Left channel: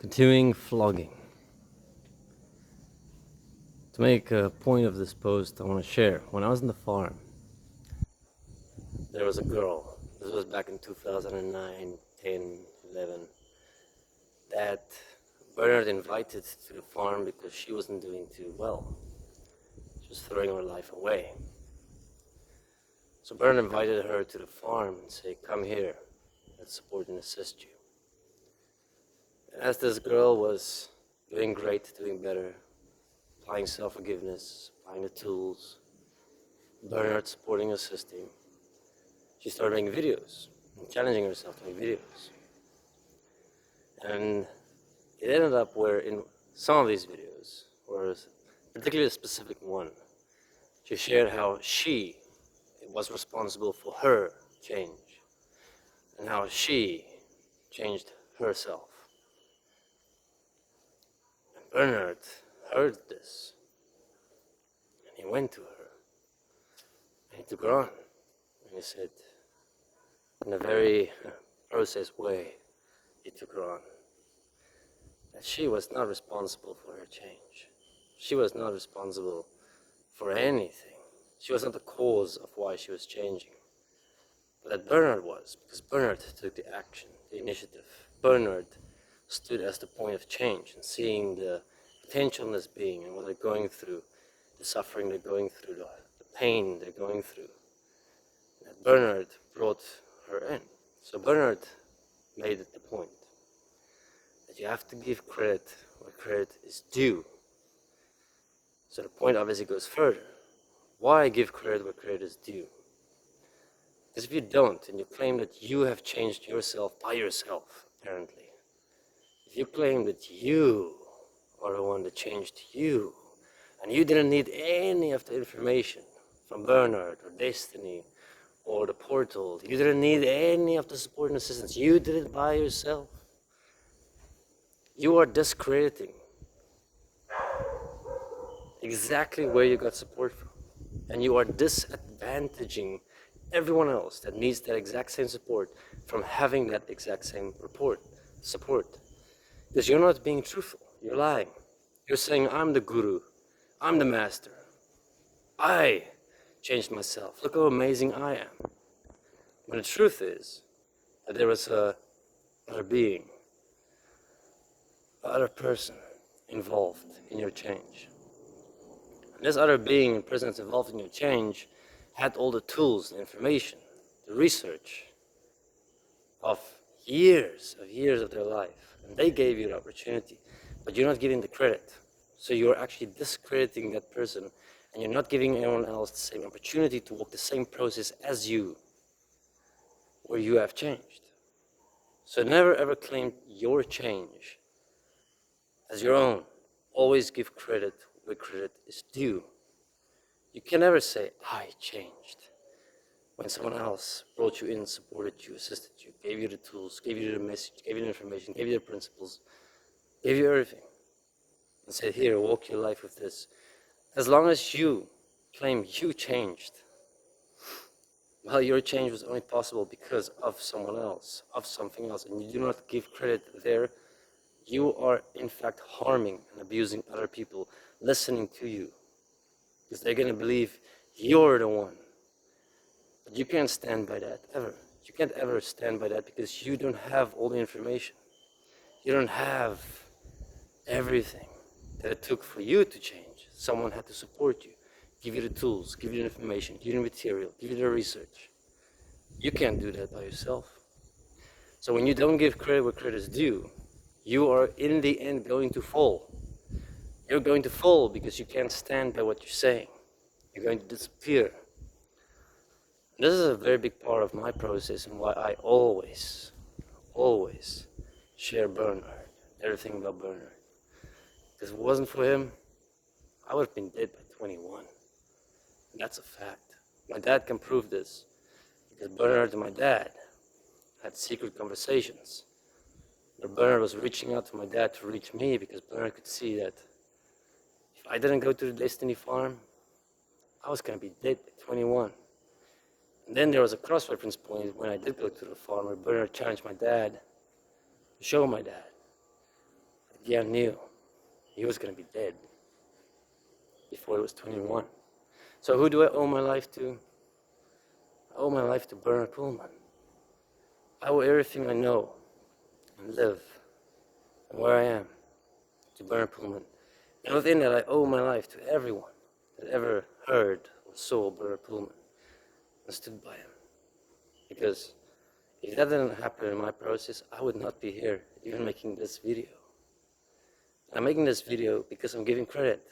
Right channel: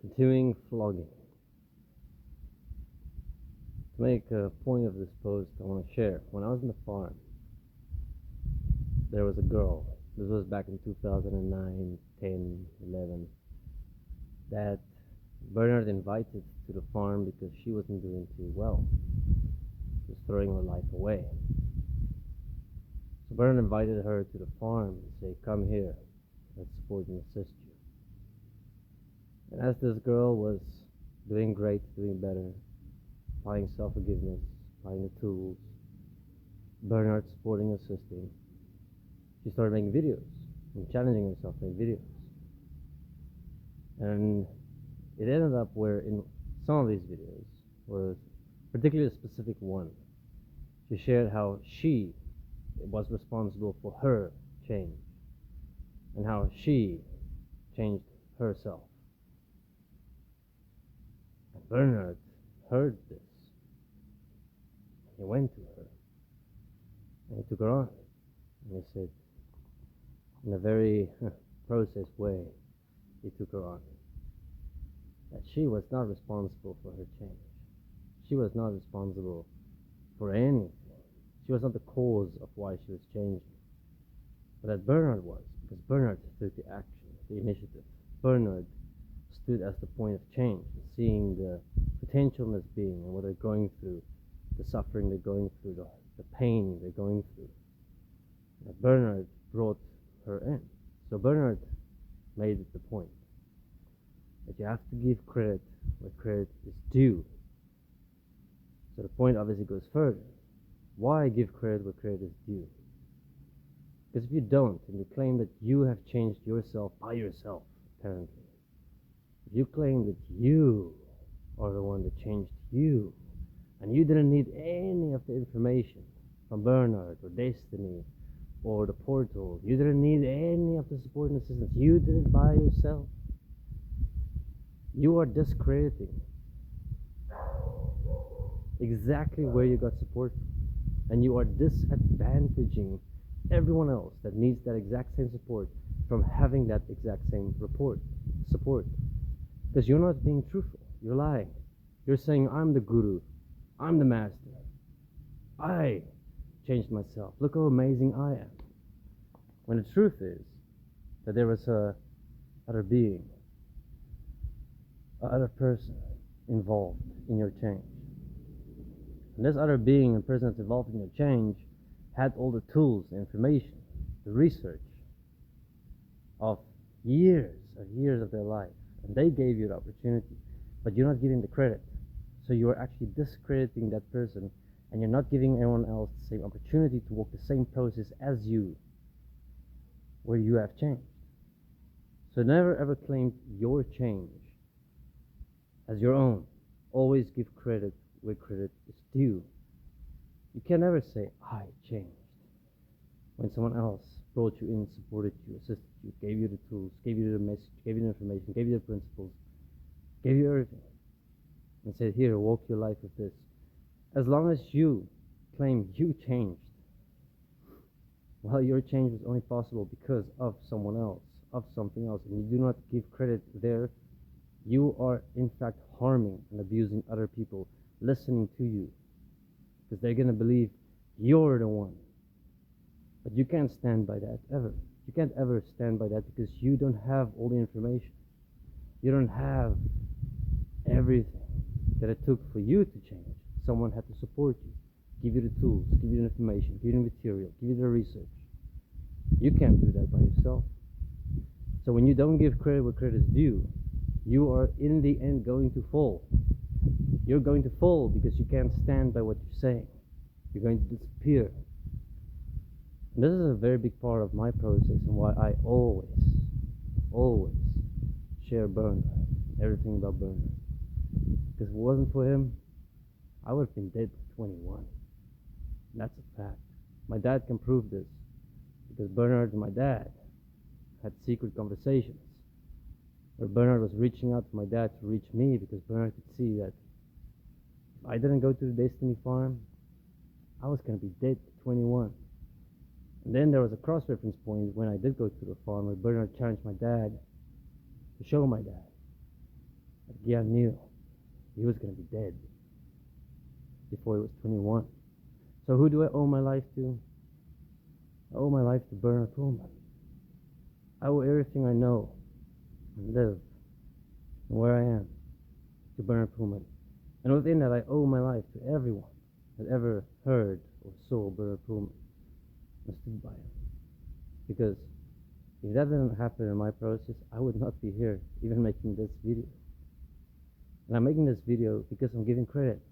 Continuing flogging. To make a point of this post, I want to share. When I was in the farm, there was a girl. This was back in 2009, 10, 11. That Bernard invited to the farm because she wasn't doing too well. She was throwing her life away. So Bernard invited her to the farm and said, "Come here, let's support and assist you." And as this girl was doing great, doing better, applying self-forgiveness, applying the tools, Bernard supporting, assisting, she started making videos and challenging herself to make videos. And it ended up where in some of these videos, or particularly a specific one, she shared how she was responsible for her change and how she changed herself. And Bernard heard this and he went to her and he took her on and he said, in a very processed way, he took her on, that she was not responsible for her change. She was not responsible for anything. She was not the cause of why she was changing. But that Bernard was, because Bernard took the action, the initiative. Bernard stood as the point of change and seeing the potential in this being and what they're going through, the suffering they're going through, the pain they're going through. That Bernard brought her in. So Bernard made it the point that you have to give credit where credit is due. So the point obviously goes further. Why give credit where credit is due? Because if you don't, and you claim that you have changed yourself by yourself, apparently, if you claim that you are the one that changed you, and you didn't need any of the information from Bernard or Desteni or the portal, you didn't need any of the support and assistance, you did it by yourself, you are discrediting exactly where you got support from. And you are disadvantaging everyone else that needs that exact same support from having that exact same support. Because you're not being truthful, you're lying. You're saying, I'm the guru, I'm the master, I changed myself, look how amazing I am. When the truth is that there was a other being, a other person involved in your change. And this other being and person that's involved in your change had all the tools, the information, the research of years of their life. And they gave you the opportunity, but you're not giving the credit. So you're actually discrediting that person and you're not giving anyone else the same opportunity to walk the same process as you, where you have changed. So never ever claim your change as your own. Always give credit where credit is due. You can never say, I changed, when someone else brought you in, supported you, assisted you, gave you the tools, gave you the message, gave you the information, gave you the principles, gave you everything, and said, here, walk your life with this. As long as you claim you changed, well, your change was only possible because of someone else, of something else, and you do not give credit there, you are in fact harming and abusing other people listening to you, because they're going to believe you're the one. But you can't stand by that ever. You can't ever stand by that because you don't have all the information. You don't have everything that it took for you to change. Someone had to support you, give you the tools, give you the information, give you the material, give you the research. You can't do that by yourself. So when you don't give credit where credit is due, you are in the end going to fall. You're going to fall because you can't stand by what you're saying. You're going to disappear. And this is a very big part of my process and why I always share Bernard, everything about Bernard. Because if it wasn't for him, I would have been dead by 21. And that's a fact. My dad can prove this because Bernard and my dad had secret conversations where Bernard was reaching out to my dad to reach me because Bernard could see that if I didn't go to the Desteni farm, I was going to be dead at 21. And then there was a cross-reference point when I did go to the farm where Bernard challenged my dad to show my dad Gia knew he was going to be dead before he was 21. So who do I owe my life to? I owe my life to Bernard Pullman. I owe everything I know and live and where I am to Bernard Pullman. And within that, I owe my life to everyone that ever heard or saw Bernard Pullman and stood by him. Because if that didn't happen in my process, I would not be here even making this video. And I'm making this video because I'm giving credit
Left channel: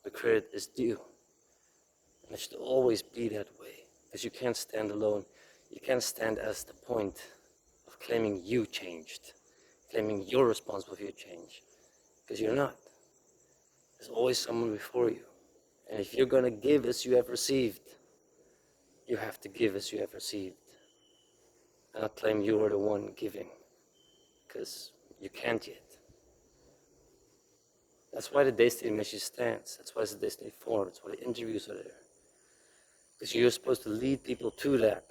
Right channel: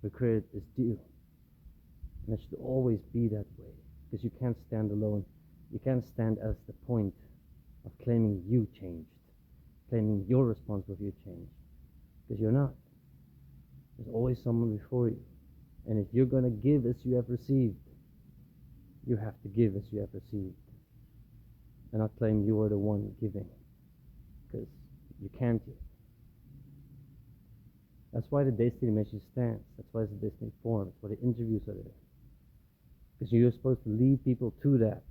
where credit is due. And it should always be that way. Because you can't stand alone. You can't stand as the point of claiming you changed, claiming you're responsible for your change. Because you're not. There's always someone before you. And if you're going to give as you have received, you have to give as you have received. And not claim you are the one giving. Because you can't yet. That's why the Desteni message stands. That's why it's the Desteni forum. That's why the interviews are there. Because you're supposed to lead people to that,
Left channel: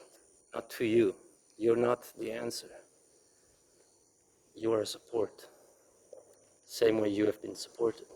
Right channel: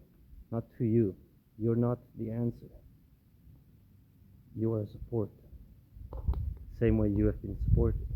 not to you. You're not the answer. You are a support. Same way you have been supported.